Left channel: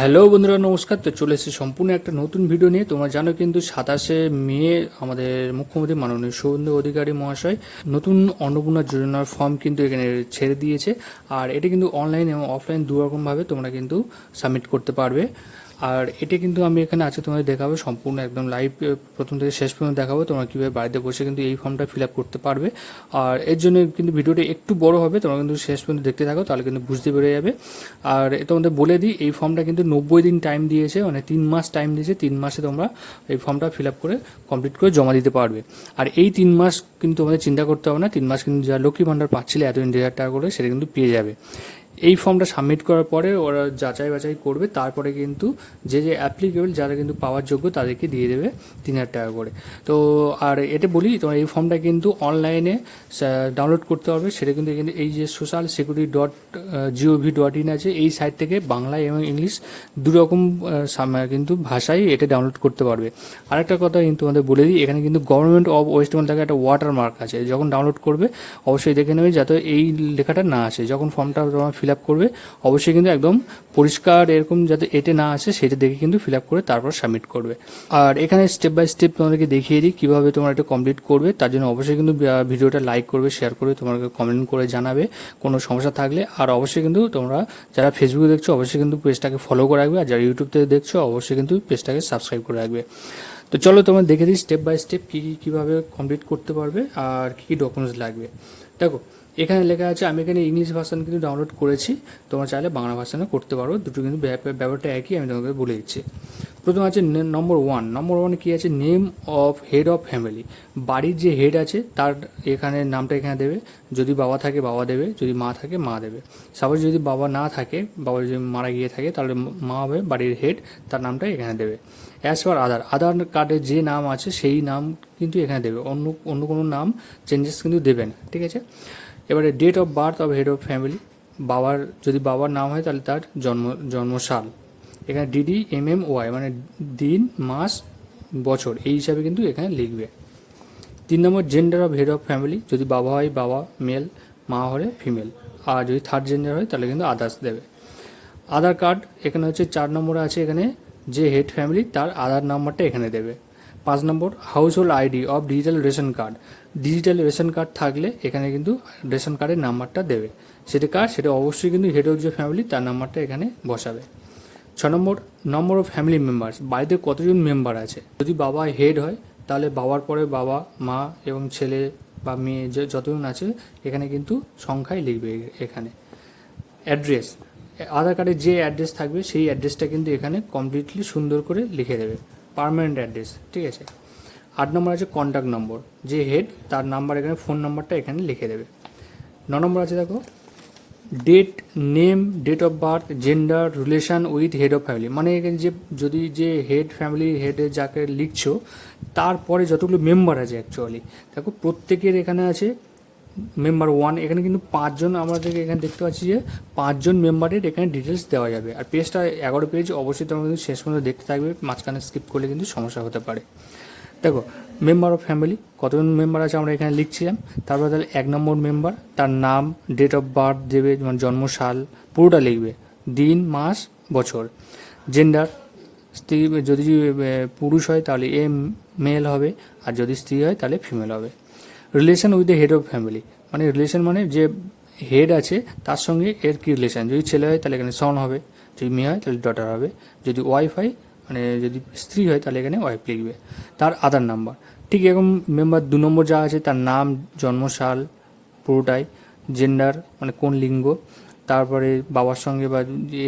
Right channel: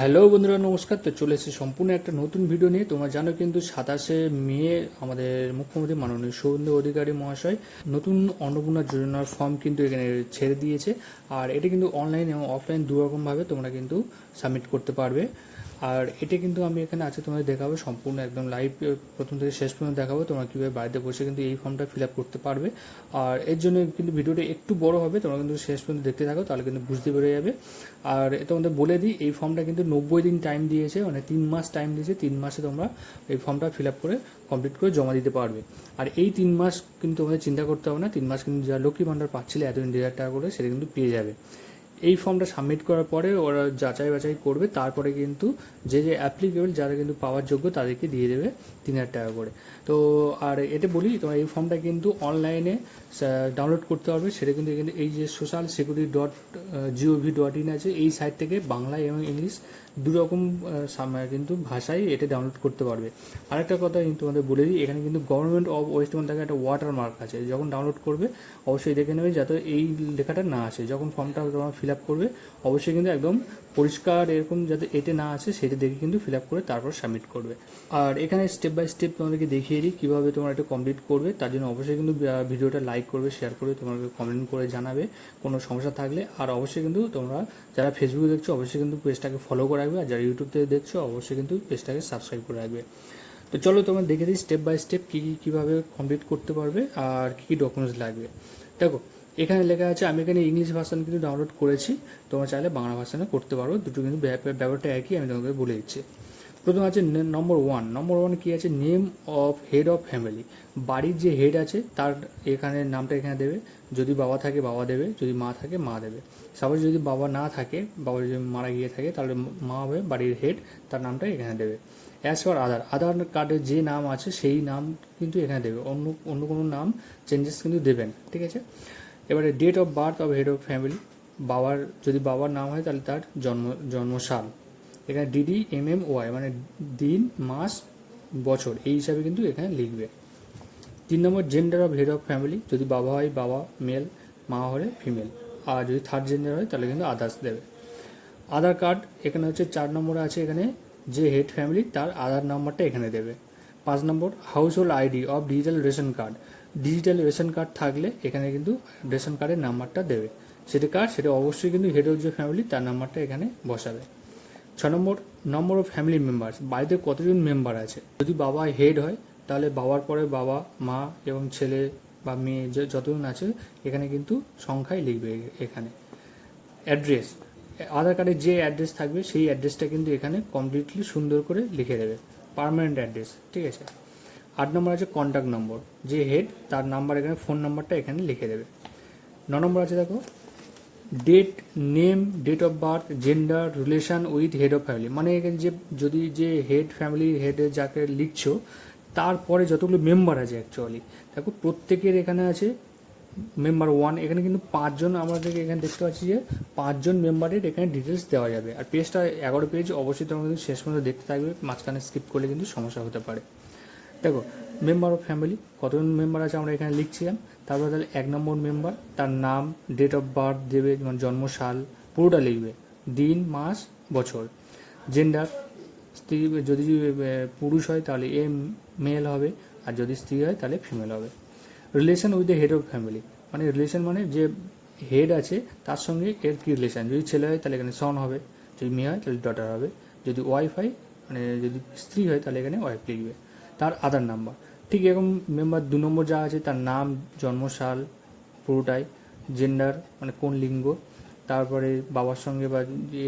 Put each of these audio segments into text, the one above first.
Hello বন্ধুরা, নমস্কার। তো চলে এসেছি সম্পূর্ণ একটা নতুন ভিডিও নিয়ে। তোমরা জানো কিন্তু 27শে মে আমাদের মুখ্যমন্ত্রী মাননীয় শুভেন্দু অধিকারী মহাশয় নতুন অন্নপূর্ণা যোজনার ফর্ম কিন্তু এখানে ছেড়ে দিয়েছে। আর এটা কিন্তু অনলাইন এবং অফলাইন দুরকমভাবে তোমরা কিন্তু সাবমিট করতে পারবে। আর এটা কিন্তু আমি এখানে আছে তোমাদের দেখাবো সম্পূর্ণ একদম লাইভ, প্রথম থেকে শেষ পর্যন্ত দেখাবো তোমরা কীভাবে বাড়িতে বসে কিন্তু এই ফর্মটা ফিল আপ করতে পারবে। আর এর জন্য কিন্তু ভিডিওটা একটু বড় হবে, তোমরা কিন্তু শেষ পর্যন্ত দেখতে থাকো, তাহলে কিন্তু বুঝতে পেরে যাবে। আর তোমাদের বলে দিই, এই ফর্মটা কিন্তু 90 দিন টাইম দিয়েছে, মানে 3 মাস টাইম দিয়েছে। 3 মাসে তোমরা এই ফর্মটা ফিল আপ করে কমপ্লিট করে জমা দিতে পারবে। আর এই 3 মাস কিন্তু তোমাদের চিন্তা করতে হবে না। 3 মাস কিন্তু যা লক্ষ্মী ভাণ্ডার পাচ্ছিলে এতদিন 1,000 টাকা করে, সেটা কিন্তু পেয়ে যাবে। এই ফর্মটা সাবমিট করার পরে ওরা যাচাই বাছাই করবে, তারপরে কিন্তু যে অ্যাপ্লিকেবল যারা কিন্তু পাওয়ার যোগ্য তাদেরকে দিয়ে দেবে 3,000 টাকা করে। তো আর এটা বলি, তোমার এই ফর্মটা কিন্তু অনলাইনে ডাউনলোড করতে হবে। সেটা কিন্তু এখানে এই যে social security.gov.in আছে, এই সাইট থেকে বাংলা এবং ইংলিশ দুরকম কিন্তু ভাষায় এটা ডাউনলোড করতে পারবে। আরেকটা কথা কিন্তু তোমাদের বলে দিই, এখানে কিন্তু গভর্নমেন্ট অফ ওয়েস্ট বেঙ্গল থেকে একটা ওয়াটারমার্ক আছে। যখন ডাউনলোড করবে অবশ্যই দেখে নেবে যাতে এই লেখাটা না আসে। যখন ফর্মটা তোমার ফিল আপ করবে অবশ্যই কিন্তু একদম পরিষ্কার এরকম যাতে এতে না আসে সেটা দেখে কিন্তু ফিল আপ করে তারপর সাবমিট করবে। আর এখানে স্টেপ বাই স্টেপ তোমাদেরকে দেখিয়ে দিই কীভাবে তোমরা এটা কমপ্লিট করবে। তার জন্য অবশ্যই কিন্তু ভিডিওটা লাইক করবে, শেয়ার করবে, তোমাকে কমেন্ট করে জানাবে কোনো সমস্যা থাকলে। আর অবশ্যই কিন্তু তোমরা যারা ফেসবুকে দেখছো অবশ্যই কিন্তু পেজটাকে ফলো করে রাখবে, আর যারা ইউটিউব থেকে দেখছো অবশ্যই কিন্তু পেজটাকে সাবস্ক্রাইব করে রাখবে। তো চলো তোমরা দেখে দিই স্টেপ বাই স্টেপ কীভাবে কমপ্লিট করতে পারবে আর কী ডকুমেন্টস লাগবে। দেখো এখানে লেখা আছে, আমি এখানে ইংলিশ ভার্সন কিন্তু ডাউনলোড করেছি, তোমরা চাইলে বাংলা ভার্সনে করতে পারো, দুটো কিন্তু ব্যাপারটা একই, আমি তোমাকে বলে দিচ্ছি। প্রথম আছে নম্বর ওয়ান কী আছে, name of head of family. বাড়ির যে হেড আছে তার এখানে নামটা এখানে দেবে। যদি বাবা থাকে বাবা দেবে, যদি মা থাকে মা দেবে। সাপোজ যদি বাবা না থাকে, বাবা যদি মারা গিয়ে থাকে, তাহলে মা হবে বাড়ির হেড, তার নামটা এখানে দেবে। অ্যাজ পার আধার কার্ডে যে নাম আছে সেই নাম কিন্তু এখানে দেবে, অন্য কোনো নাম চেঞ্জেস কিন্তু দেবে না, ঠিক আছে। এবারে date of birth of head of family, যদি বাবার নাম হয় তাহলে তার জন্মসাল, এখানে DDMMY মানে দিন মাস বছর এই হিসাবে কিন্তু এখানে লিখবে। 3 number gender of head of family, যদি বাবা হয় বাবা মেল, মা হলে ফিমেল, আর যদি থার্ড জেন্ডার হয় তাহলে কিন্তু আদার্স দেবে। আধার কার্ড এখানে হচ্ছে 4 নম্বরে আছে, এখানে যে হেড ফ্যামিলি তার আধার নাম্বারটা এখানে দেবে। 5 number house hold ID of digital ration card, digital ration card থাকলে এখানে কিন্তু রেশন কার্ডের নাম্বারটা দেবে। সেটা অবশ্যই কিন্তু হেড অফ যে ফ্যামিলি তার নাম্বারটা এখানে বসাবে। 6 নম্বর অফ ফ্যামিলি মেম্বার্স, বাড়িতে কতজন মেম্বার আছে। যদি বাবা হেড হয় তাহলে বাবার পরে বাবা, মা এবং ছেলে বা মেয়ে যতজন আছে এখানে কিন্তু সংখ্যায় লিখবে। এখানে অ্যাড্রেস, আধার কার্ডে যে অ্যাড্রেস থাকবে সেই অ্যাড্রেসটা কিন্তু এখানে কমপ্লিটলি সুন্দর করে লিখে দেবে, পার্মানেন্ট অ্যাড্রেস, ঠিক আছে। 8 নম্বর আছে কন্ট্যাক্ট নম্বর, যে হেড তার নাম্বার এখানে, ফোন নাম্বারটা এখানে লিখে দেবে। 9 নম্বর আছে দেখো date, name, date of birth, gender, relation with head of family, মানে এখানে যদি যে হেড ফ্যামিলির হেডে যাকে লিখছো তারপরে যতগুলো মেম্বার আছে অ্যাকচুয়ালি দেখো প্রত্যেকের এখানে আছে মেম্বার 1, এখানে কিন্তু 5 জন আমাদেরকে এখানে দেখতে পাচ্ছি যে 5 জন মেম্বারের এখানে ডিটেলস দেওয়া যাবে। আর পেজটা 11 পেজ, অবশ্যই তোমরা কিন্তু শেষ পর্যন্ত দেখতে থাকবে, মাঝখানে স্কিপ করলে কিন্তু সমস্যা হতে পারে। দেখো মেম্বার অফ ফ্যামিলি কতজন মেম্বার আছে আমরা এখানে লিখছিলাম। তারপরে তাহলে 1 নম্বর মেম্বার, তার নাম, ডেট অফ বার্থ দেবে, মানে জন্মসাল পুরোটা লিখবে, দিন মাস বছর। জেন্ডার, স্ত্রী যদি পুরুষ হয় তাহলে মেল হবে, আর যদি স্ত্রী হয় তাহলে ফিমেল হবে। Relation with the head of family, মানে রিলেশন মানে যে হেড আছে তার সঙ্গে এর কী রিলেশন, যদি ছেলে হয় তাহলে এখানে সন হবে, যদি মেয়ে হয় তাহলে ডটার হবে, যদি ওয়াইফ হয় মানে যদি স্ত্রী হয় তাহলে এখানে ওয়াইফ লিখবে। তার আধার নাম্বার, ঠিক এরকম মেম্বার 2 নম্বর যা আছে তার নাম, জন্মসাল পুরোটাই, জেন্ডার মানে কোন লিঙ্গ, তারপরে বাবার সঙ্গে বা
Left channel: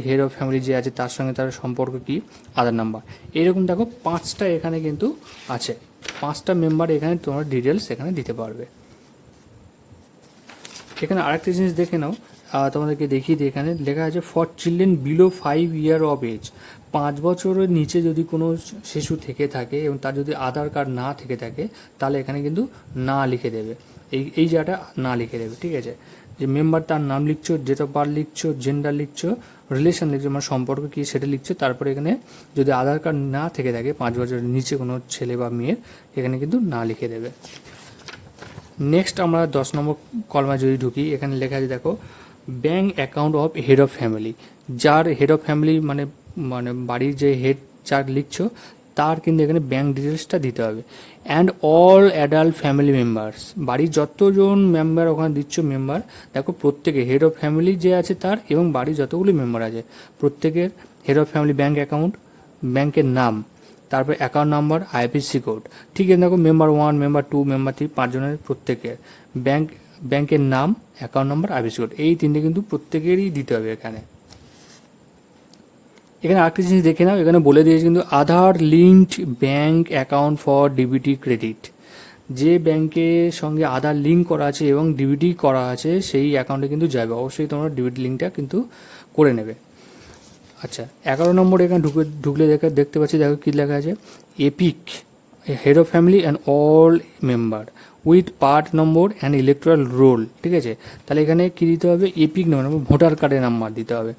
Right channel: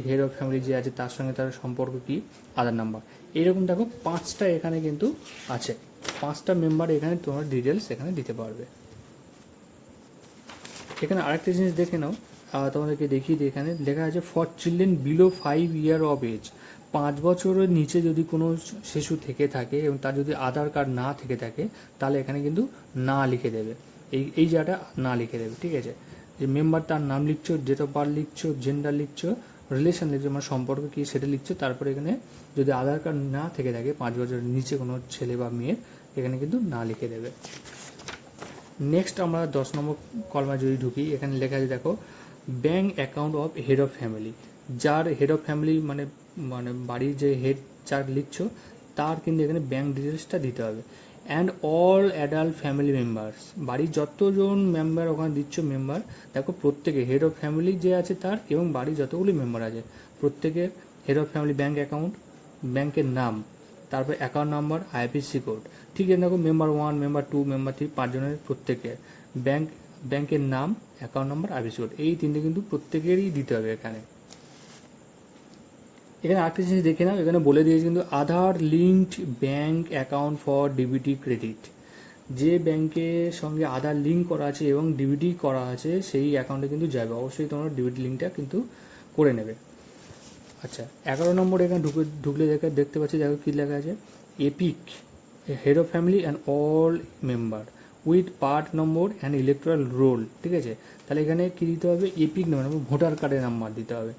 হেড অফ ফ্যামিলি যে আছে তার সঙ্গে তার সম্পর্ক কী, আধার নাম্বার। এরকম দেখো 5টা এখানে কিন্তু আছে, 5টা মেম্বার এখানে তোমার ডিটেলস এখানে দিতে পারবে। এখানে আরেকটা জিনিস দেখে নাও, তোমাদেরকে দেখিয়ে দিই, এখানে লেখা আছে for children below 5 year of age, 5 বছরের নিচে যদি কোনো শিশু থেকে থাকে এবং তার যদি আধার কার্ড না থেকে থাকে তাহলে এখানে কিন্তু না লিখে দেবে, এই জায়গাটা না লিখে দেবে, ঠিক আছে। যে মেম্বার তার নাম লিখছো, ডেট অফ বার্থ লিখছো, জেন্ডার লিখছো, রিলেশন লিখছো মানে সম্পর্ক কী সেটা লিখছো, তারপরে এখানে যদি আধার কার্ড না থেকে থাকে 5 বছরের নিচে কোনো ছেলে বা মেয়ের এখানে কিন্তু না লিখে দেবে। নেক্সট আমরা 10 নম্বর কলমে যদি ঢুকি, এখানে লেখা আছে দেখো bank account of head of family, যার হেড অফ ফ্যামিলি মানে মানে বাড়ির যে হেড যার লিখছো তার কিন্তু এখানে ব্যাঙ্ক ডিটেলসটা দিতে হবে। And all adult family members, বাড়ির যতজন মেম্বার ওখানে দিচ্ছ মেম্বার, দেখো প্রত্যেকে হেড অফ ফ্যামিলি যে আছে তার এবং বাড়ির যতগুলি মেম্বার আছে প্রত্যেকের head of family bank account, ব্যাংকের নাম, তারপর অ্যাকাউন্ট নাম্বার, আইএফএসসি কোড। ঠিক আছে, দেখো মেম্বার 1, মেম্বার 2, মেম্বার 3, 5 জনের প্রত্যেকের ব্যাংকের নাম, অ্যাকাউন্ট নাম্বার, আইএফএসসি কোড, এই তিনটে কিন্তু প্রত্যেকেরই দিতে হবে। এখানে আরেকটা জিনিস দেখে নাও, এখানে বলে দিয়েছে কিন্তু Aadhaar linked bank account for DBT credit. যে ব্যাংকের সঙ্গে আধার লিঙ্ক করা আছে এবং ডিবিটি করা আছে সেই অ্যাকাউন্টে কিন্তু যাবে, অবশ্যই তোমরা ডিবিটি লিঙ্কটা কিন্তু করে নেবে। আচ্ছা, 11 নম্বর এখানে ঢুকলে দেখতে পাচ্ছি, দেখো কী লেখা আছে, epic head of family and all member with part number and electoral roll. ঠিক আছে, তাহলে এখানে কী দিতে হবে, এপিক নম্বর, ভোটার কার্ডের নাম্বার দিতে হবে।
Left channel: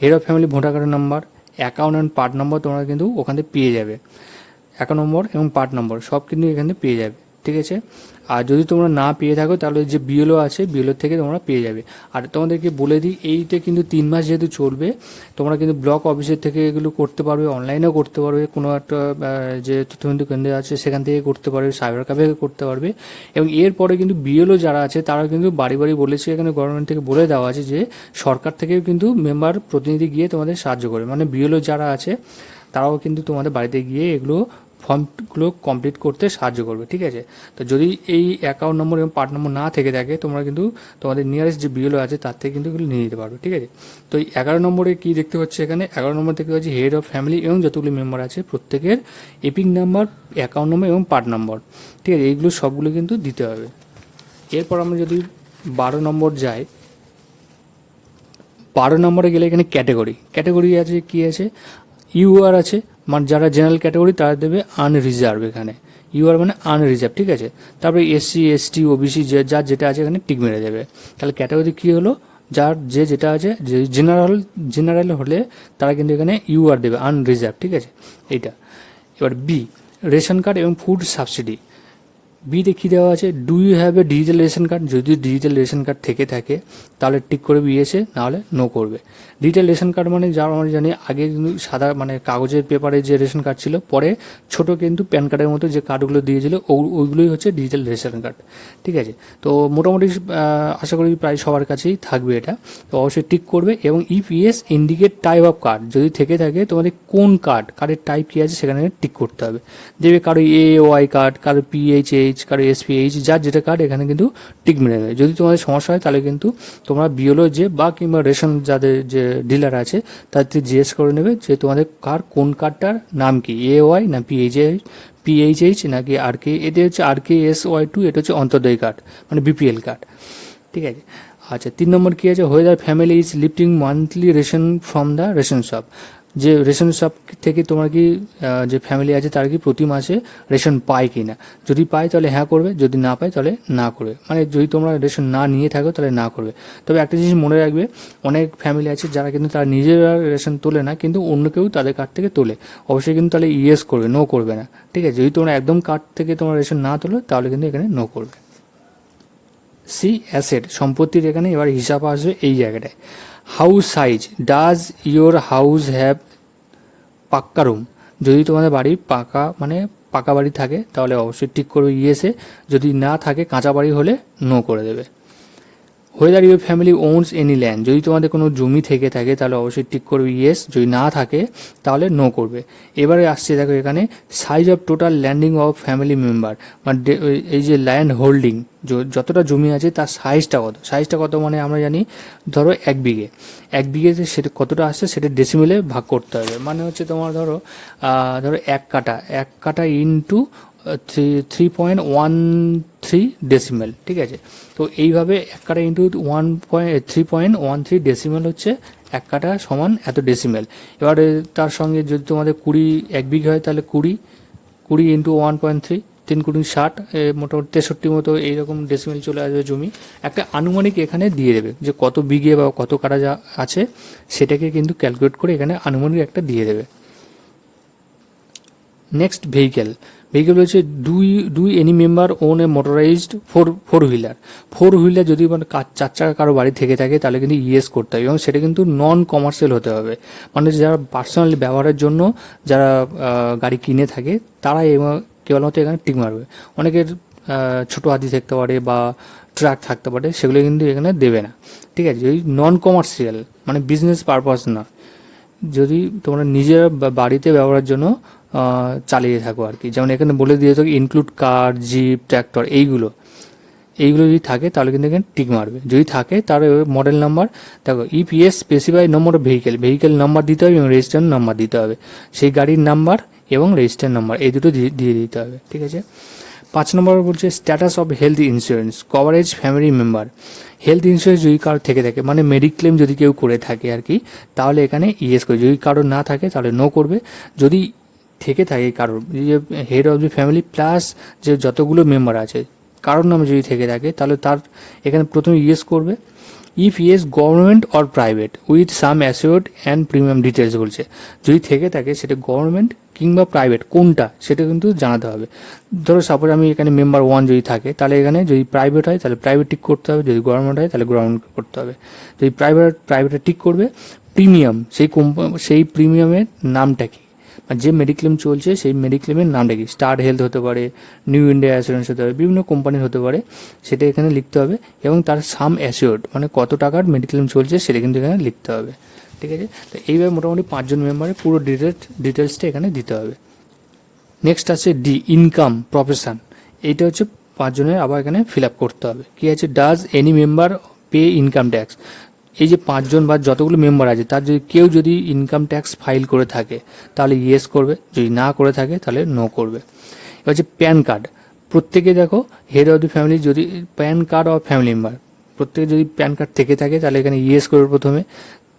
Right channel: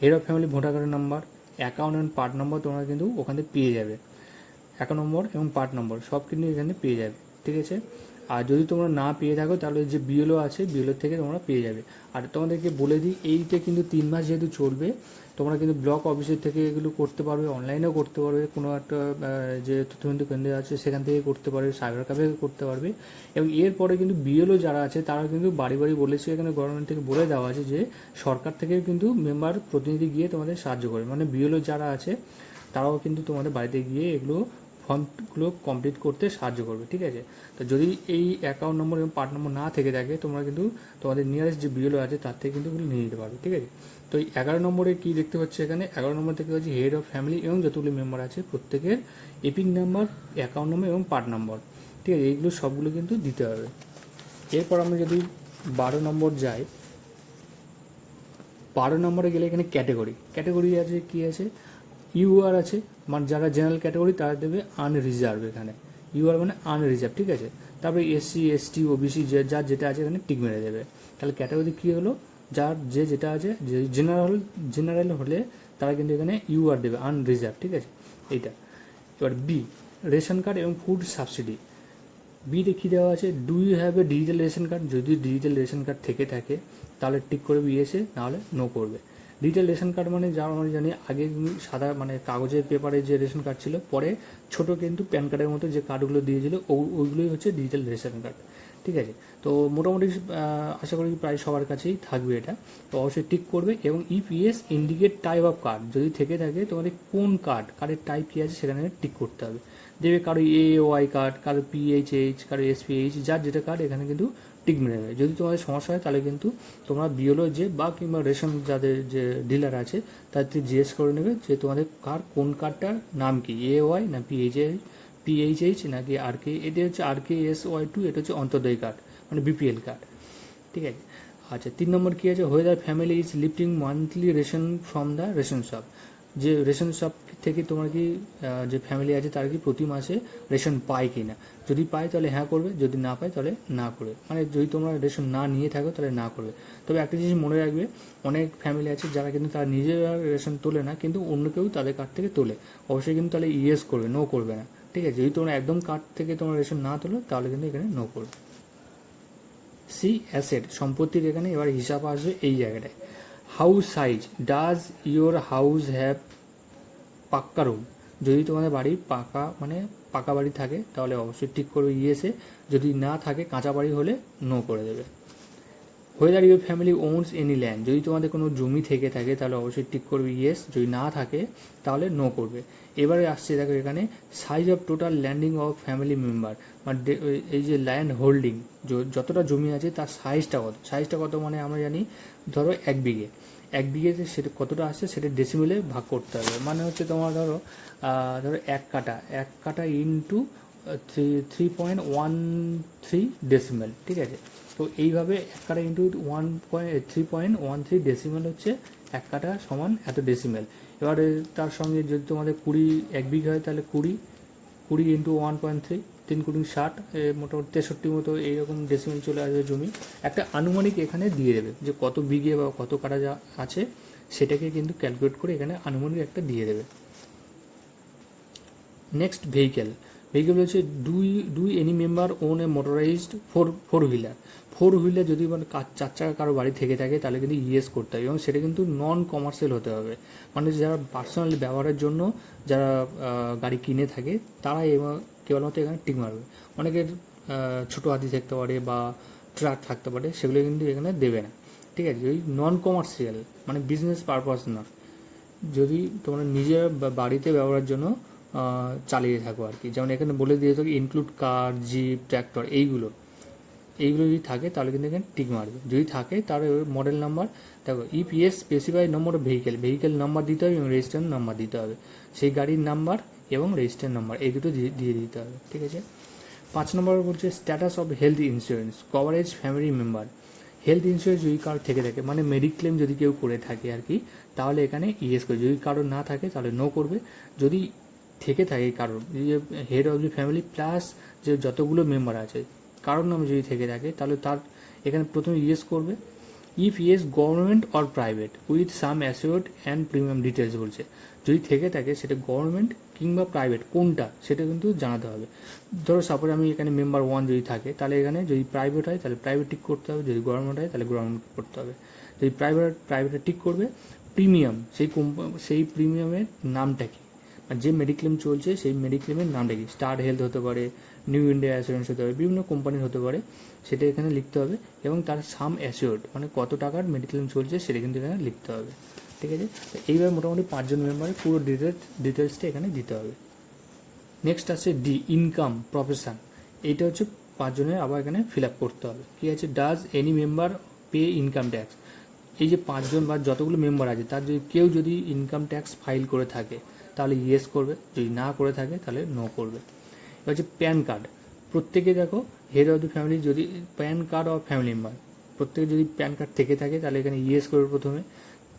হেড অফ ফ্যামিলি ভোটার কার্ডের number, account and part number তোমরা কিন্তু ওখানে পেয়ে যাবে, অ্যাকাউন্ট নম্বর এবং পার্ট নম্বর সব কিন্তু এখানে পেয়ে যাবে। ঠিক আছে, আর যদি তোমরা না পেয়ে থাকো তাহলে যে বিএলও আছে বিএলও থেকে তোমরা পেয়ে যাবে। আর তোমাদেরকে বলে দিই, এইটা কিন্তু 3 মাস যেহেতু চলবে, তোমরা কিন্তু ব্লক অফিসের থেকে এগুলো করতে পারবে, অনলাইনেও করতে পারবে, কোনো একটা যে তথ্যকেন্দ্র কেন্দ্র আছে সেখান থেকে করতে পারবে, সাইবার ক্যাফে করতে পারবে। এবং এরপরে কিন্তু বিএলও যারা আছে তারা কিন্তু বাড়ি বাড়ি বলেছে, এখানে গভর্নমেন্ট থেকে বলে দেওয়া আছে যে সরকার থেকেও কিন্তু মেম্বার প্রতিনিধি গিয়ে তোমাদের সাহায্য করবে, মানে বিএলও যারা আছে তারাও কিন্তু তোমাদের বাড়িতে গিয়ে এগুলো ফর্মগুলো কমপ্লিট করতে সাহায্য করবে। ঠিক আছে, তো যদি এই অ্যাকাউন্ট নম্বর এবং পার্ট নম্বর না থেকে থাকে, তোমরা কিন্তু তোমাদের নিয়ারেস্ট যে বিএলও আছে তার থেকে কিন্তু এগুলো নিয়ে নিতে পারবে। ঠিক আছে, তো এই 11 নম্বরে কী দেখতে পাচ্ছি, এখানে 11 নম্বর দেখতে পাচ্ছি হেড অফ ফ্যামিলি এবং যতগুলি মেম্বার আছে প্রত্যেকের এপিক নাম্বার, অ্যাকাউন্ট নম্বর এবং পার্ট নম্বর। ঠিক আছে, এইগুলো সবগুলো কিন্তু দিতে হবে। এরপর আমরা যদি 12 নম্বর যাই, 12 নম্বরে গেলে এখানে ক্যাটাগরি আছে, কী আছে, ইউআর আছে, মানে যারা জেনারেল ক্যাটাগরি তারা দেবে আনরিজার্ভ, এখানে ইউআর মানে আনরিজার্ভ। ঠিক আছে, তারপরে এসসি এসটি ওবিসি যার যেটা আছে এখানে টিক মেরে দেবে। তাহলে ক্যাটাগরি কী হলো, যার যেটা আছে, যে জেনারেল হলে তারা কিন্তু এখানে ইউআর দেবে আনরিজার্ভ। ঠিক আছে, এইটা। এবার বি, রেশন কার্ড এবং ফুড সাবসিডি। বিতে কী দেওয়া আছে, do you have a digital ration card, যদি ডিজিটাল রেশন কার্ড থেকে থাকে তাহলে টিক করবে ইয়েসে, নাহলে নো করবে। ডিজিটাল রেশন কার্ড মানে যারা আমরা জানি আগে কিন্তু সাদা মানে কাগজের পেপারে যে রেশন কার্ড ছিল, পরে ছোট কিন্তু প্যান কার্ডের মতো যে কার্ডগুলো দিয়েছিল ওইগুলোই হচ্ছে ডিজিটাল রেশন কার্ড। ঠিক আছে, তো মোটামুটি আশা করি প্রায় সবার কাছেই থাকবে এটা, তো অবশ্যই টিক করবে। এবং if yes indicate type of card, যদি থেকে থাকে তোমাদের কোন কার্ডের টাইপ কী আছে সেখানে টিক করতে হবে। দেবে কারো এওয়াই কার্ড, কারো পিএইচএইচ, কারো এসপিএইচ, যার যেটা কার্ড এখানে কিন্তু টিক মেরে দেবে। যদি তোমাদের সমস্যা হয় তাহলে কিন্তু তোমরা বিএলও যে বা কিংবা রেশন যাদের যে ডিলার আছে তাদের জিজ্ঞেস করে নেবে যে তোমাদের কোন কার্ডটার নাম কি, এওয়াই না পিএইচএইচ নাকি আরকে, এতে হচ্ছে RKSY2, এটা হচ্ছে অন্তর্দয় কার্ড মানে বিপিএল কার্ড। ঠিক আছে, আচ্ছা 3 নম্বর কী আছে, whether family is lifting monthly ration from the ration shop, যে রেশন শপ থেকে তোমার কি যে ফ্যামিলি আছে তার কি প্রতি মাসে রেশন পায় কি না, যদি পায় তাহলে হ্যাঁ করবে, যদি না পায় তাহলে না করবে। মানে যদি তোমরা রেশন না নিয়ে থাকো তাহলে না করবে। তবে একটা জিনিস মনে রাখবে, অনেক ফ্যামিলি আছে যারা কিন্তু তারা নিজেরা রেশন তোলে না, কিন্তু অন্য কেউ তাদের কার্ড থেকে তোলে, অবশ্যই কিন্তু তাহলে ইয়েস করবে, নো করবে না। ঠিক আছে, যদি তোমরা একদম কার্ড থেকে তোমরা রেশন না তোলো তাহলে কিন্তু এখানে নো করবে। সি, অ্যাসেট, সম্পত্তির এখানে এবার হিসাব আসবে এই জায়গাটায়। House size, does your house have পাক্কা রুম, যদি তোমাদের বাড়ি পাকা বাড়ি থাকে তাহলে অবশ্যই টিক করবে ইয়েসে, যদি না থাকে কাঁচা বাড়ি হলে নো করে দেবে। Whether your family ওনস any land, যদি তোমাদের কোনো জমি থেকে থাকে তাহলে অবশ্যই টিক করবে ইয়েস, যদি না থাকে তাহলে নো করবে। এবারে আসছে দেখো এখানে size of total landing of family member, মানে এই যে ল্যান্ড হোল্ডিং যতটা জমি আছে তার সাইজটা কত মানে আমরা জানি ধরো 1 বিঘেতে সেটা কতটা আসছে সেটা ডেসিমেলে ভাগ করতে হবে, মানে হচ্ছে তোমার ধরো 1 কাটা ইন্টু 3.13 ডেসিমেল। ঠিক আছে, তো এইভাবে 1 কাটা ইন্টু 3.13 ডেসিমেল হচ্ছে 1 কাটা সমান এত ডেসিমেল। এবারে তার সঙ্গে যদি তোমাদের 1 বিঘে হয় তাহলে 20 ইন্টু 1.3, 3 × 60, মোটামুটি 63 মতো এইরকম ডেসিমেল চলে আসবে জমি। একটা আনুমানিক এখানে দিয়ে দেবে যে কত বিঘে বা কত কাটা যা আছে সেটাকে কিন্তু ক্যালকুলেট করে এখানে আনুমানিক একটা দিয়ে দেবে। নেক্সট ভেহিকেল হচ্ছে দুই any member own a motorized four wheeler যদি মানে চার চাকা কারো বাড়ি থেকে থাকে তাহলে কিন্তু ইএস করতে হবে এবং সেটা কিন্তু নন কমার্শিয়াল হতে হবে, মানে যারা পার্সোনালি ব্যবহারের জন্য যারা গাড়ি কিনে থাকে তারা কেবলমাত্র এখানে টিক মারবে। অনেকের ছোটো হাতি থাকতে পারে বা ট্রাক থাকতে পারে, সেগুলো কিন্তু এখানে দেবে না, ঠিক আছে। যদি নন কমার্শিয়াল মানে বিজনেস পারপাস না, যদি তোমরা নিজের বাড়িতে ব্যবহারের জন্য চালিয়ে থাকো আর কি, যেমন এখানে বলে দিয়ে থাকি ইনক্লুড কার, জিপ, ট্র্যাক্টর, এইগুলো যদি থাকে তাহলে কিন্তু এখানে টিক মারবে। যদি থাকে তার মডেল নাম্বার দেখো, EPS specify number of vehicle number দিতে হবে এবং রেজিস্ট্রেশন নাম্বার দিতে হবে, সেই গাড়ির নাম্বার এবং রেজিস্ট্রেশন নাম্বার এই দুটো দিয়ে দিতে হবে, ঠিক আছে। 5 নম্বর বলছে status of health insurance coverage family member. Health insurance যদি কারো থেকে থাকে মানে মেডিক্লেম যদি কেউ করে থাকে আর কি, তাহলে এখানে ইয়েস করবে। যদি কারোর না থাকে তাহলে নো করবে। যদি থেকে থাকে কারোর, যে head of the family plus যে যতগুলো মেম্বার আছে কারোর নামে যদি থেকে থাকে তাহলে তার এখানে প্রথমে ইয়েস করবে। If yes government or private with some assured and premium details বলছে, যদি থেকে থাকে সেটা গভর্নমেন্ট কিংবা প্রাইভেট কোনটা সেটা কিন্তু জানাতে হবে। ধরো সাপোজ আমি এখানে মেম্বার 1 যদি থাকে তাহলে এখানে যদি প্রাইভেট হয় তাহলে প্রাইভেট টিক করতে হবে, যদি গভর্নমেন্ট হয় তাহলে গভর্নমেন্ট করতে হবে। যদি প্রাইভেটে টিক করবে। প্রিমিয়াম সেই প্রিমিয়ামের নামটা কি, যে মেডিক্লেম চলছে সেই মেডিক্লেমের নামটা কি, স্টার হেলথ হতে পারে, নিউ ইন্ডিয়া অ্যাসুরেন্স হতে পারে, বিভিন্ন কোম্পানির হতে পারে, সেটা এখানে লিখতে হবে। এবং তার সাম অ্যাসিওর্ড মানে কত টাকার মেডিক্লেম চলছে সেটা কিন্তু এখানে লিখতে হবে, ঠিক আছে। তো এইভাবে মোটামুটি 5 জন মেম্বারের পুরো ডিটেলসটা এখানে দিতে হবে। নেক্সট আছে ডি, ইনকাম প্রফেশন। এইটা হচ্ছে 5 জনের আবার এখানে ফিল আপ করতে হবে। কী আছে, does any member pay income tax. এই যে 5 জন বা যতগুলো মেম্বার আছে তার যদি কেউ যদি ইনকাম ট্যাক্স ফাইল করে থাকে তাহলে ইয়েস করবে, যদি না করে থাকে তাহলে নো করবে। এবার হচ্ছে প্যান কার্ড। প্রত্যেকে দেখো হেড অফ দি ফ্যামিলি যদি pan card of family member প্রত্যেকে যদি প্যান কার্ড থেকে থাকে তাহলে এখানে ইয়েস করবে প্রথমে,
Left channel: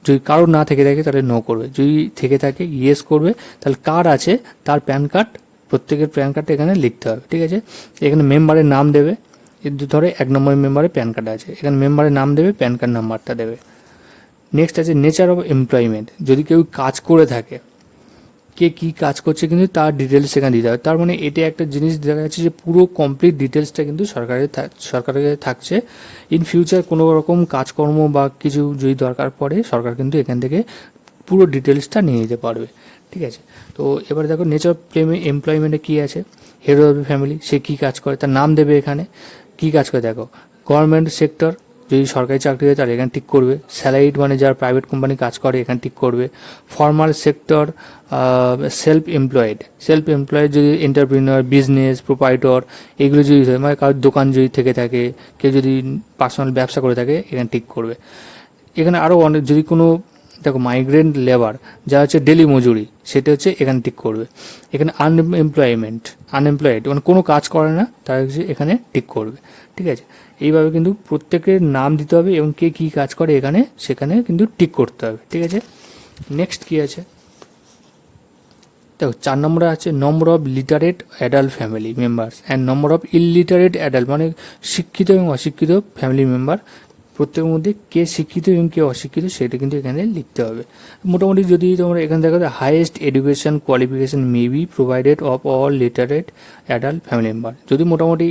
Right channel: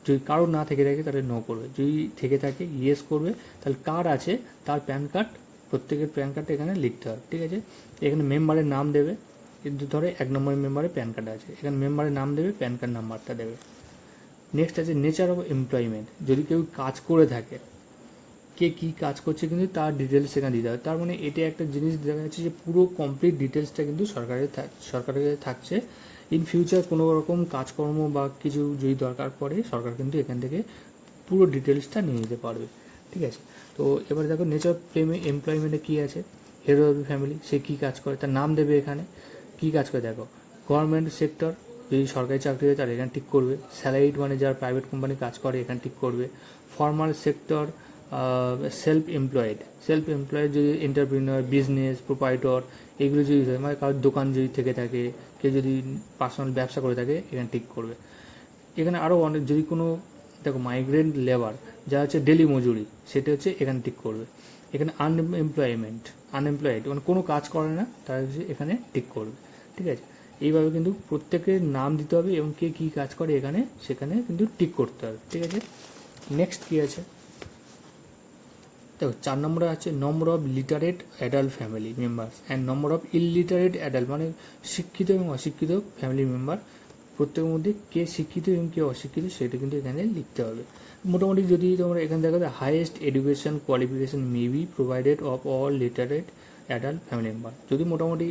যদি কারোর না থেকে থাকে তাহলে নো করবে, যদি থেকে থাকে ইয়েস করবে। তাহলে কার আছে তার প্যান কার্ড, প্রত্যেকের প্যান কার্ডটা এখানে লিখতে হবে, ঠিক আছে। এখানে মেম্বারের নাম দেবে, ধরে 1 নম্বর মেম্বারের প্যান কার্ড আছে, এখানে মেম্বারের নাম দেবে, প্যান কার্ড নাম্বারটা দেবে। নেক্সট আছে নেচার অফ এমপ্লয়মেন্ট। যদি কেউ কাজ করে থাকে, কে কী কাজ করছে কিন্তু তার ডিটেলস সেখানে দিতে হবে। তার মানে এটা একটা জিনিস দেখা যাচ্ছে যে পুরো কমপ্লিট ডিটেলসটা কিন্তু সরকারের থাকছে। ইন ফিউচার কোনো রকম কাজকর্ম বা কিছু যদি দরকার পড়ে সরকার কিন্তু এখান থেকে পুরো ডিটেলসটা নিয়ে নিতে পারবে, ঠিক আছে। তো এবার দেখো নেচার অফ এমপ্লয়মেন্টে কী আছে, হেড অফ দ্য ফ্যামিলি সে কী কাজ করে তার নাম দেবে, এখানে কী কাজ করে দেখো, গভর্নমেন্ট সেক্টর যদি সরকারি চাকরি হয় তাহলে এখানে টিক করবে, স্যালারিড মানে যারা প্রাইভেট কোম্পানি কাজ করে এখানে টিক করবে, ফর্মাল সেক্টর, সেলফ এমপ্লয়েড যদি এন্টারপ্রিনিয়র, বিজনেস, প্রোপাইটর এগুলো যদি হয় মানে কারোর দোকান যদি থেকে থাকে, কেউ যদি পার্সোনাল ব্যবসা করে থাকে এখানে টিক করবে। এখানে আরও অনেক যদি কোনো দেখো মাইগ্রেন্ট লেবার যা হচ্ছে ডেলি মজুরি সেটা হচ্ছে এখানে টিক করবে। এখানে আনএমপ্লয়েড মানে কোনো কাজ করে না তারা হচ্ছে এখানে টিক করবে, ঠিক আছে। এইভাবে কিন্তু প্রত্যেকের নাম দিতে হবে এবং কে কী কাজ করে এখানে সেখানে কিন্তু টিক করতে হবে, ঠিক আছে। নেক্সট কী আছে দেখো 4 নম্বরে আছে number of literate adult family members and number of illiterate adult মানে শিক্ষিত এবং অশিক্ষিত ফ্যামিলি মেম্বার, প্রত্যেকের মধ্যে কে শিক্ষিত এবং কে অশিক্ষিত সেটা কিন্তু এখানে লিখতে হবে। মোটামুটি যদি তোমরা এখানে দেখো highest education qualification may be provided of all literate adult family member, যদি মোটামুটি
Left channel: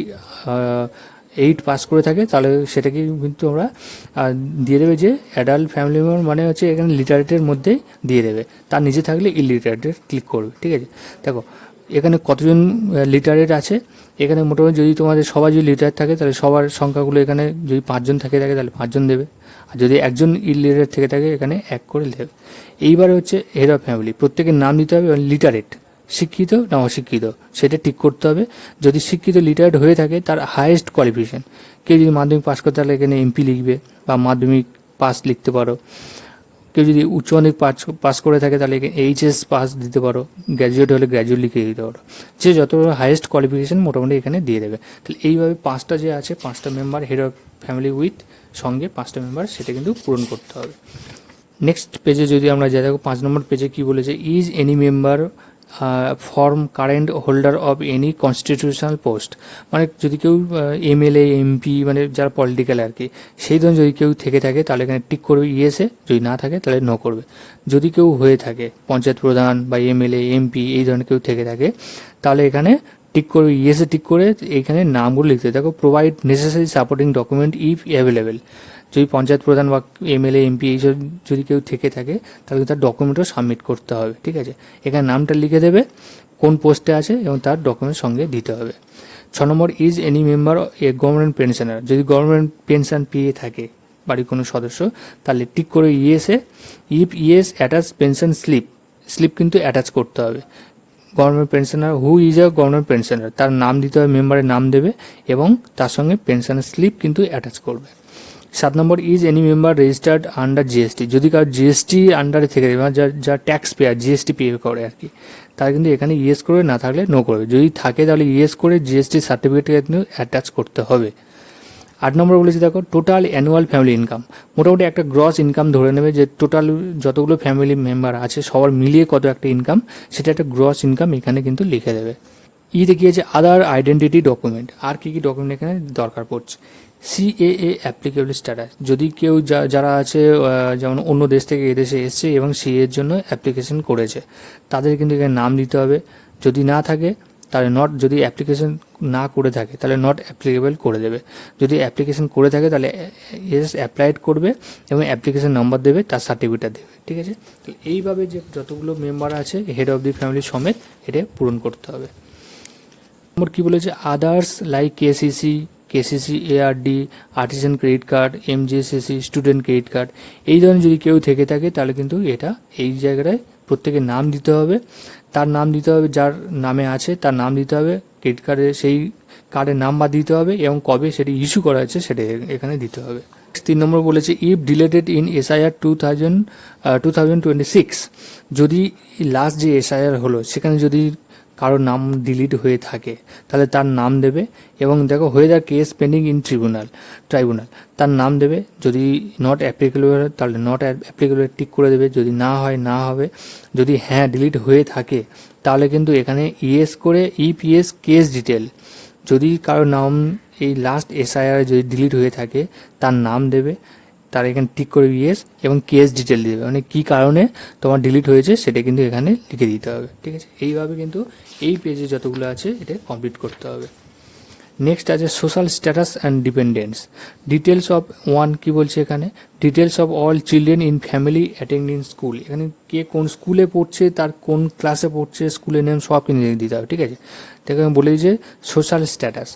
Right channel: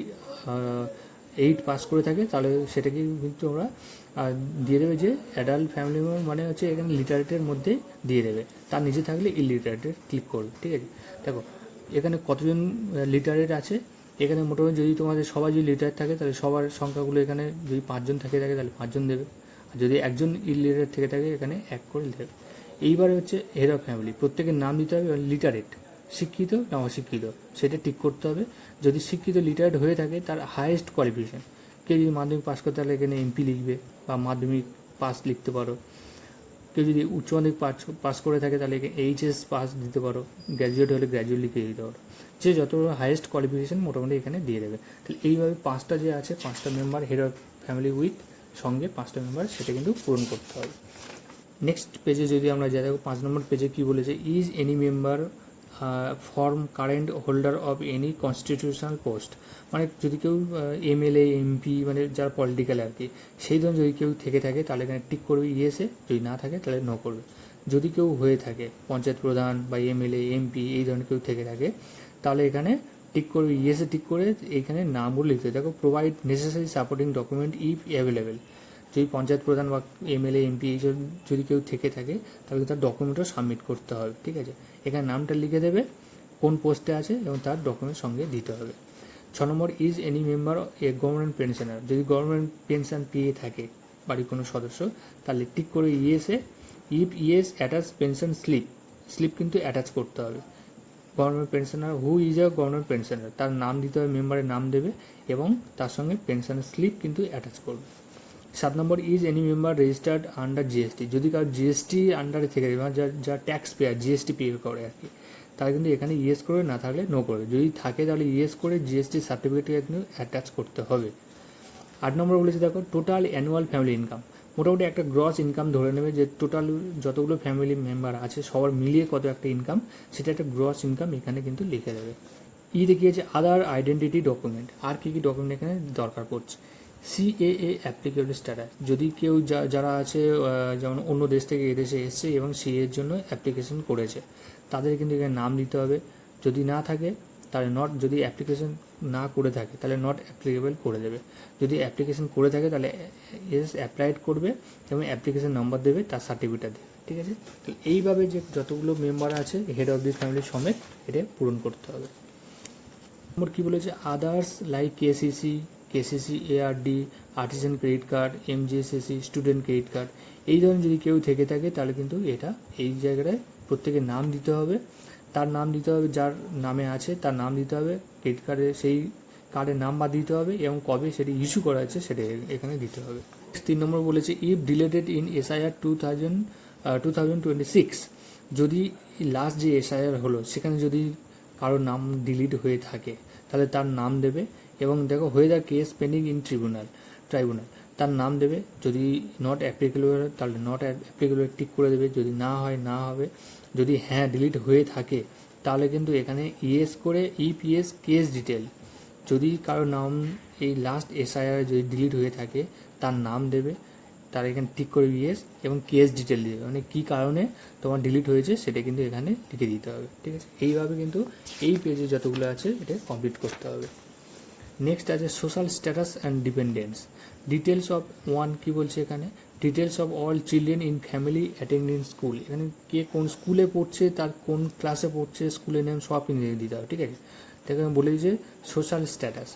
8 পাস করে থাকে তাহলে সেটাকে কিন্তু আমরা দিয়ে দেবে যে অ্যাডাল্ট ফ্যামিলি মেম্বার মানে হচ্ছে এখানে লিটারেটের মধ্যেই দিয়ে দেবে, তার নিচে থাকলে ইলিটারেটের ক্লিক করবে, ঠিক আছে। দেখো এখানে কতজন লিটারেট আছে, এখানে মোটামুটি যদি তোমাদের সবাই যদি লিটারেট থাকে তাহলে সবার সংখ্যাগুলো এখানে যদি 5 জন থাকে তাহলে 5 জন দেবে, আর যদি একজন ইলিটারেট থেকে থাকে এখানে 1 করে দেবে। এইবারে হচ্ছে হেড অফ ফ্যামিলি, প্রত্যেকের নাম দিতে হবে, লিটারেট শিক্ষিত না অশিক্ষিত সেটা ঠিক করতে হবে। যদি শিক্ষিত লিটারেট হয়ে থাকে তার হাইয়েস্ট কোয়ালিফিকেশান, কেউ যদি মাধ্যমিক পাস করে তাহলে এখানে এমপি লিখবে বা মাধ্যমিক পাস লিখতে পারো, কেউ যদি উচ্চ মাধ্যমিক পাস করে থাকে তাহলে এইচএস পাস দিতে পারো, গ্র্যাজুয়েট হলে গ্র্যাজুয়েট লিখে দিতে পারো, যে যত হাইয়েস্ট কোয়ালিফিকেশান মোটামুটি এখানে দিয়ে দেবে। তাহলে এইভাবে 5টা যে আছে 5টা member head of family with সঙ্গে 5টা মেম্বার সেটা কিন্তু পূরণ করতে হবে। নেক্সট পেজে যদি আমরা যাই দেখো 5 নম্বর পেজে কী বলেছে, is any member form current holder of any constitutional post, মানে যদি কেউ এমএলএ এমপি মানে যারা পলিটিক্যাল আর কি সেই ধরনের যদি কেউ থেকে থাকে তাহলে এখানে টিক করবে ইয়েসে, যদি না থাকে তাহলে নো করবে। যদি কেউ হয়ে থাকে পঞ্চায়েত প্রধান বা এমএলএ এমপি এই ধরনের কেউ থেকে থাকে তাহলে এখানে টিক করে ইয়েসে টিক করে এইখানে নামগুলো লিখতে হবে। দেখো provide necessary supporting document if available, যদি পঞ্চায়েত প্রধান বা এমএলএ এমপি এইসব যদি কেউ থেকে থাকে তাহলে তার ডকুমেন্টও সাবমিট করতে হবে, ঠিক আছে। এখানে নামটা লিখে দেবে, কোন পোস্টে আছে এবং তার ডকুমেন্ট সঙ্গে দিতে হবে। 6 number is any member a government pensioner, যদি গভর্নমেন্ট পেনশন পেয়ে থাকে বাড়ির কোনো সদস্য তাহলে টিক করে ইয়েসে, if yes attach pension slip কিন্তু অ্যাটাচ করতে হবে। Government pensioner who is a government pensioner, তার নাম দিতে হবে, মেম্বারের নাম দেবে এবং তার সঙ্গে পেনশনের স্লিপ কিন্তু অ্যাটাচ করবে। 7 number is any member registered under GST, যদি কারো জিএসটি আন্ডারে থেকে থাকে মানে যা ট্যাক্স পেয়ার জিএসটি পে করে আর কি, তারা কিন্তু এখানে ইয়েস করবে, না থাকলে নো করবে। যদি থাকে তাহলে ইয়েস করে জিএসটি সার্টিফিকেট কিন্তু অ্যাটাচ করতে হবে। 8 নম্বর বলেছি দেখো টোটাল অ্যানুয়াল ফ্যামিলি ইনকাম, মোটামুটি একটা গ্রস ইনকাম ধরে নেবে যে টোটাল যতগুলো ফ্যামিলি মেম্বার আছে সবার মিলিয়ে কত একটা ইনকাম, সেটা একটা গ্রস ইনকাম এখানে কিন্তু লিখে দেবে। ইতে কি আছে আদার আইডেন্টিটি ডকুমেন্ট, আর কী কী ডকুমেন্ট এখানে দরকার পড়ছে। সিএএ অ্যাপ্লিকেবল স্ট্যাটাস, যদি কেউ যারা আছে যেমন অন্য দেশ থেকে এদেশে এসছে এবং সিএর জন্য অ্যাপ্লিকেশন করেছে তাদের কিন্তু এখানে নাম দিতে হবে। যদি না থাকে তাহলে নট, যদি অ্যাপ্লিকেশন না করে থাকে তাহলে নট অ্যাপ্লিকেবল করে দেবে। যদি অ্যাপ্লিকেশন করে থাকে তাহলে এস অ্যাপ্লাইড করবে এবং অ্যাপ্লিকেশন নাম্বার দেবে, তার সার্টিফিকেট দেবে, ঠিক আছে। তো এইভাবে যে যতগুলো মেম্বার আছে হেড অফ দি ফ্যামিলি সমেত এটা পূরণ করতে হবে। নম্বর কী বলেছে others like KCC ARD, artisan credit card, MGSAC, student credit card, এই ধরনের যদি কেউ থেকে থাকে তাহলে কিন্তু এটা এই জায়গাটায় প্রত্যেকের নাম দিতে হবে, তার নাম দিতে হবে, যার নামে আছে তার নাম দিতে হবে, ক্রেডিট কার্ডে সেই কার্ডের নাম্বার দিতে হবে এবং কবে সেটি ইস্যু করা হয়েছে সেটা এখানে দিতে হবে। 3 নম্বর বলেছে ইফ ডিলেটেড ইন এসআইআর 2026, যদি লাস্ট যে এসআইআর হলো সেখানে যদি কারোর নাম ডিলিট হয়ে থাকে তাহলে তার নাম দেবে এবং দেখো হয়ে যায় কেস পেন্ডিং ইন ট্রাইব্যুনাল, তার নাম দেবে। যদি নট অ্যাপ্লিকেবল হয় তাহলে নট অ্যাপ্লিকেবল টিক করে দেবে, যদি না হয় না হবে। যদি হ্যাঁ ডিলিট হয়ে থাকে তাহলে কিন্তু এখানে ইয়েস করে ইফ ইয়েস কেস ডিটেল, যদি কারোর নাম এই লাস্ট এসআইআর যদি ডিলিট হয়ে থাকে তার নাম দেবে, তার এখানে টিক করে ইয়েস এবং কেস ডিটেল দেবে, মানে কী কারণে তোমার ডিলিট হয়েছে সেটা কিন্তু এখানে লিখে দিতে হবে, ঠিক আছে। এইভাবে কিন্তু এই পেজে যতগুলো আছে এটা কমপ্লিট করতে হবে। নেক্সট আছে social status and dependence, details of কী বলছে এখানে details of all children in family attending school, এখানে কে কোন স্কুলে পড়ছে, তার কোন ক্লাসে পড়ছে, স্কুলের নেম সব কিন্তু দিতে হবে, ঠিক আছে। দেখো আমি বলে দিয়েছি সোশ্যাল স্ট্যাটাস,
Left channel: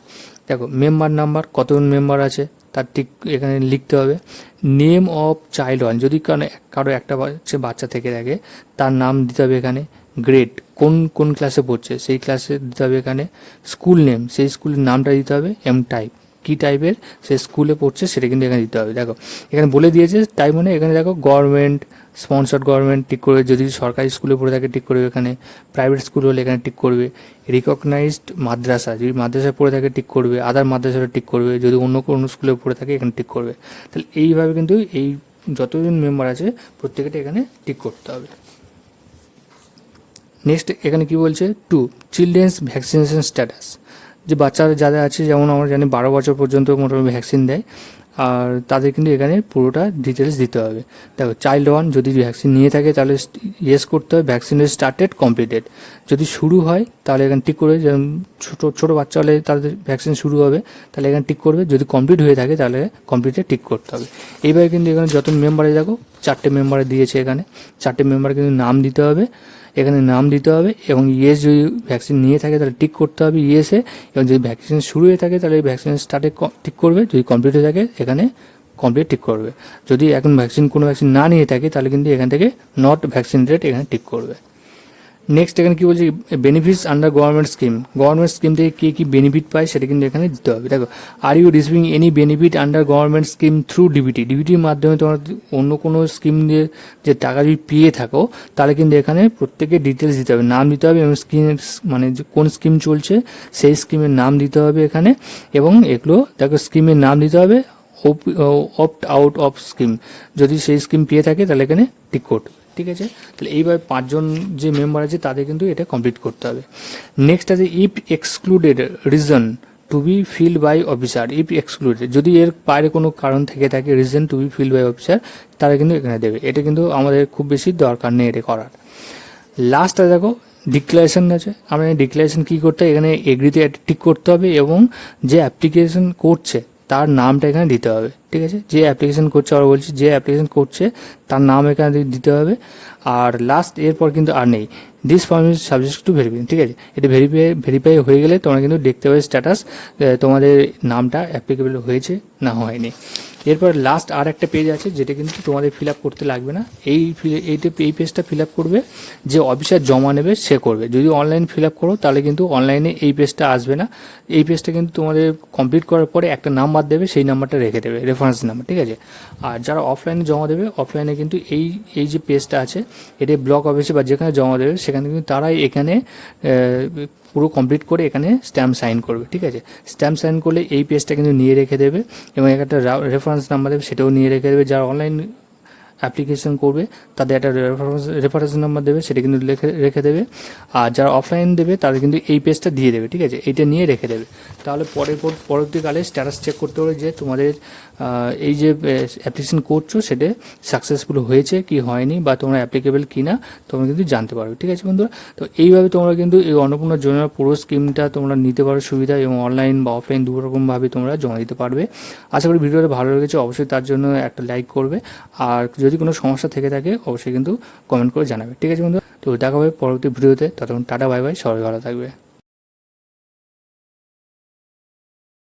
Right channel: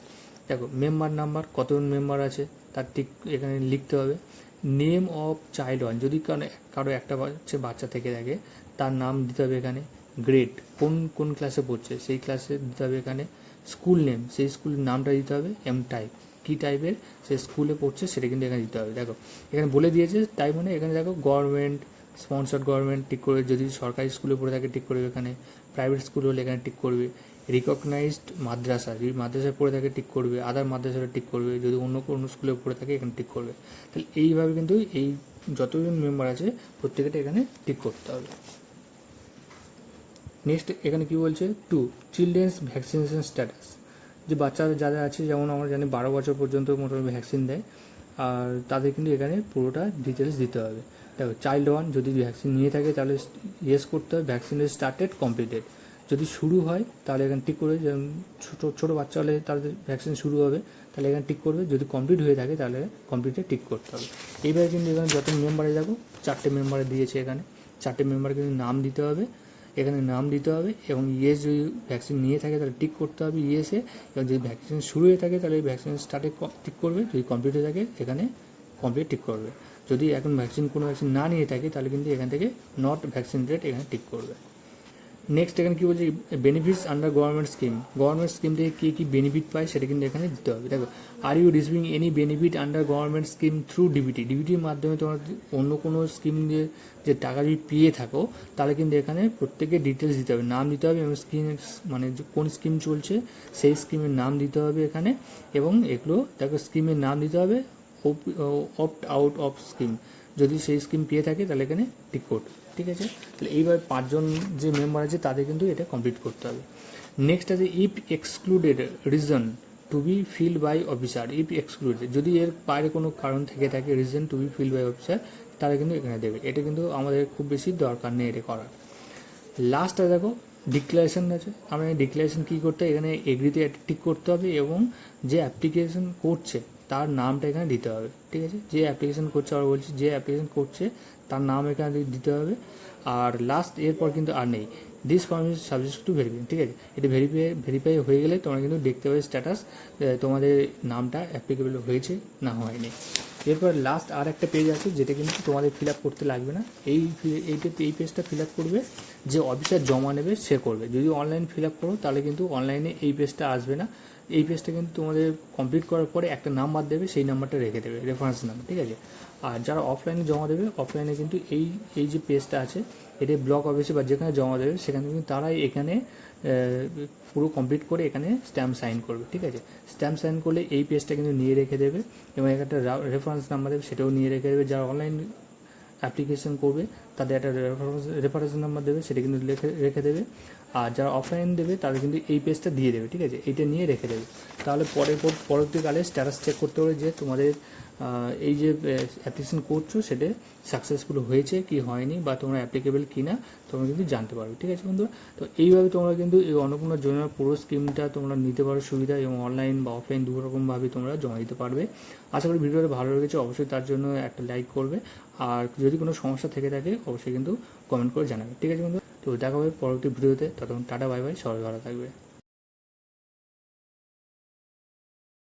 দেখো মেম্বার নাম্বার কতজন মেম্বার আছে তার ঠিক এখানে লিখতে হবে। নেম অফ চাইল্ড ওয়ান, যদি কারো একটা বাচ্চা থেকে থাকে তার নাম দিতে হবে এখানে। গ্রেড কোন ক্লাসে পড়ছে সেই ক্লাসে দিতে হবে এখানে। স্কুল নেম সেই স্কুলের নামটা দিতে হবে এবং টাইপ কী টাইপের সে স্কুলে পড়ছে সেটা কিন্তু এখানে দিতে হবে। দেখো এখানে বলে দিয়েছে টাইপ মানে এখানে দেখো গভর্নমেন্ট স্পন্সর্ড গভর্নমেন্ট টিক করবে, যদি সরকারি স্কুলে পড়ে থাকে টিক করবে এখানে, প্রাইভেট স্কুল হলে এখানে টিক করবে, রিকগনাইজড মাদ্রাসা যদি মাদ্রাসায় পড়ে থাকে টিক করবে, আদার মাদ্রাসাটা টিক করবে, যদি অন্য কোনো স্কুলে পড়ে থাকে এখানে টিক করবে। তাহলে এইভাবে কিন্তু এই যতজন মেম্বার আছে প্রত্যেকটা এখানে টিক করতে হবে। নেক্সট এখানে কি বলছে চিলড্রেন্স ভ্যাকসিনেশন স্ট্যাটাস, যে বাচ্চারা যাদের আছে যেমন আমরা জানি 12 বছর পর্যন্ত মোটামুটি ভ্যাকসিন দেয়, আর তাদের কিন্তু এখানে পুরোটা ডিটেলস দিতে হবে। দেখো চাইল্ড ওয়ান যদি ভ্যাকসিন নিয়ে থাকে তাহলে ইয়েস করতে হবে, ভ্যাকসিনের স্টার্টেড কমপ্লিটেড, যদি শুরু হয় তাহলে এখানে টিক করবে, যেমন ছোটো বাচ্চা হলে তাদের ভ্যাকসিন শুরু হবে তাহলে এখানে টিক করবে, যদি কমপ্লিট হয়ে থাকে তাহলে কমপ্লিটে টিক করতে হবে। এইভাবে কিন্তু এখানে যত মেম্বারে দেখো 4টে মেম্বারে দিয়েছে, এখানে 4টে মেম্বার কিন্তু নাম দিতে হবে, এখানে নাম দিতে হবে এবং ইয়েস যদি ভ্যাকসিন নিয়ে থাকে তাহলে টিক করতে হবে ইয়েসে, এবং যদি ভ্যাকসিন শুরু হয়ে থাকে তাহলে ভ্যাকসিন স্টার্টে টিক করবে, যদি কমপ্লিট হয়ে থাকে এখানে কমপ্লিট টিক করবে, যদি এখন কোনো ভ্যাকসিন না নিয়ে থাকে তাহলে কিন্তু এখান থেকে নট ভ্যাকসিনেটেড এখানে টিক করবে। নেক্সট এখানে কী বলছে বেনিফিটস আন্ডার গভর্নমেন্ট স্কিম থেকে কে কী বেনিফিট পায় সেটা কিন্তু এখানে দিতে হবে। দেখো are you receiving any benefit under government scheme through ডিবিটির মাধ্যমে তোমার অন্য কোনো স্কিম দিয়ে যে টাকা যদি পেয়ে থাকো তাহলে কিন্তু এখানে প্রত্যেকের ডিটেলস দিতে হবে, নাম দিতে হবে এবং স্কিমের মানে কোন স্কিম চলছে সেই স্কিমের নাম দিতে হবে এখানে, এবং এগুলো দেখো স্কিমের নাম দিতে হবে, অপ্ট আউট অফ স্কিম যদি সেই স্কিম পেয়ে থাকে তাহলে এখানে টিক করতে, ঠিক আছে। তাহলে এইভাবে 5 জন যে মেম্বার আছে তাদের কিন্তু এটা কমপ্লিট করতে হবে। নেক্সট আছে if excluded reason to be filled by officer, if excluded যদি এর বাইরে কোনো কারণ থেকে থাকে reason to be filled by officer তারা কিন্তু এখানে দেবে, এটা কিন্তু আমাদের খুব বেশি দরকার নেই এটা করার। লাস্টটা দেখো ডিক্লারেশন আছে, আমরা ডিক্লারেশন কী করতে হবে, এখানে এগ্রিতে টিক করতে হবে এবং যে অ্যাপ্লিকেশন করছে তার নামটা এখানে দিতে হবে। ঠিক আছে, যে অ্যাপ্লিকেশন করছে, আবার বলছি যে অ্যাপ্লিকেশন করছে তার নাম এখানে দিতে হবে। আর লাস্ট এরপর কিন্তু আর নেই, this form is subject to verification. ঠিক আছে, এটা ভেরিফাই হয়ে গেলে তোমরা কিন্তু দেখতে পাবে স্ট্যাটাস, তোমাদের নামটা অ্যাপ্লিকেবল হয়েছে না হয়নি। এরপর লাস্ট আর একটা পেজ আছে যেটা কিন্তু তোমাদের ফিল আপ করতে লাগবে না, এই পেজটা ফিল আপ করবে যে অফিসার জমা নেবে সে করবে। যদি অনলাইন ফিল আপ করো তাহলে কিন্তু অনলাইনে এই পেজটা আসবে না। এই পেজটা কিন্তু তোমাদের কমপ্লিট করার পরে একটা নাম্বার দেবে, সেই নাম্বারটা রেখে দেবে, রেফারেন্স নাম্বার। ঠিক আছে, আর যারা অফলাইনে জমা দেবে, অফলাইনে কিন্তু এই যে পেজটা আছে এটা ব্লক অফিসে বা যেখানে জমা দেবে সেখানে কিন্তু তারাই এখানে পুরো কমপ্লিট করে এখানে স্ট্যাম্প সাইন করবে। ঠিক আছে, স্ট্যাম্প সাইন করলে এই পেজটা কিন্তু নিয়ে রেখে দেবে এবং একটা রেফারেন্স নাম্বার দেবে, সেটাও নিয়ে রেখে দেবে। যারা অনলাইন অ্যাপ্লিকেশন করবে তাদের একটা রেফারেন্স নাম্বার দেবে, সেটা কিন্তু রেখে দেবে। আর যারা অফলাইন দেবে তাদের কিন্তু এই পেজটা দিয়ে দেবে। ঠিক আছে, এইটা নিয়ে রেখে দেবে। তাহলে পরবর্তীকালে স্ট্যাটাস চেক করতে হবে যে তোমাদের এই যে অ্যাপ্লিকেশন করছো সেটা সাকসেসফুল হয়েছে কি হয়নি, বা তোমরা অ্যাপ্লিকেবল কি না তোমরা কিন্তু জানতে পারবে। ঠিক আছে বন্ধুরা, তো এইভাবে তোমরা কিন্তু এই অন্নপূর্ণা যোজনার পুরো স্কিমটা তোমরা নিতে পারো সুবিধা, এবং অনলাইন বা অফলাইন দুরকমভাবে তোমরা জমা দিতে পারবে। আশা করি ভিডিওটা ভালো লেগেছে, অবশ্যই তার জন্য একটা লাইক করবে। আর যদি কোনো সমস্যা থেকে থাকে অবশ্যই কিন্তু কমেন্ট করে জানাবে। ঠিক আছে বন্ধুরা, তো দেখা হবে পরবর্তী ভিডিওতে, ততক্ষণ টাটা বাই বাই, সবাই ভালো থাকবে।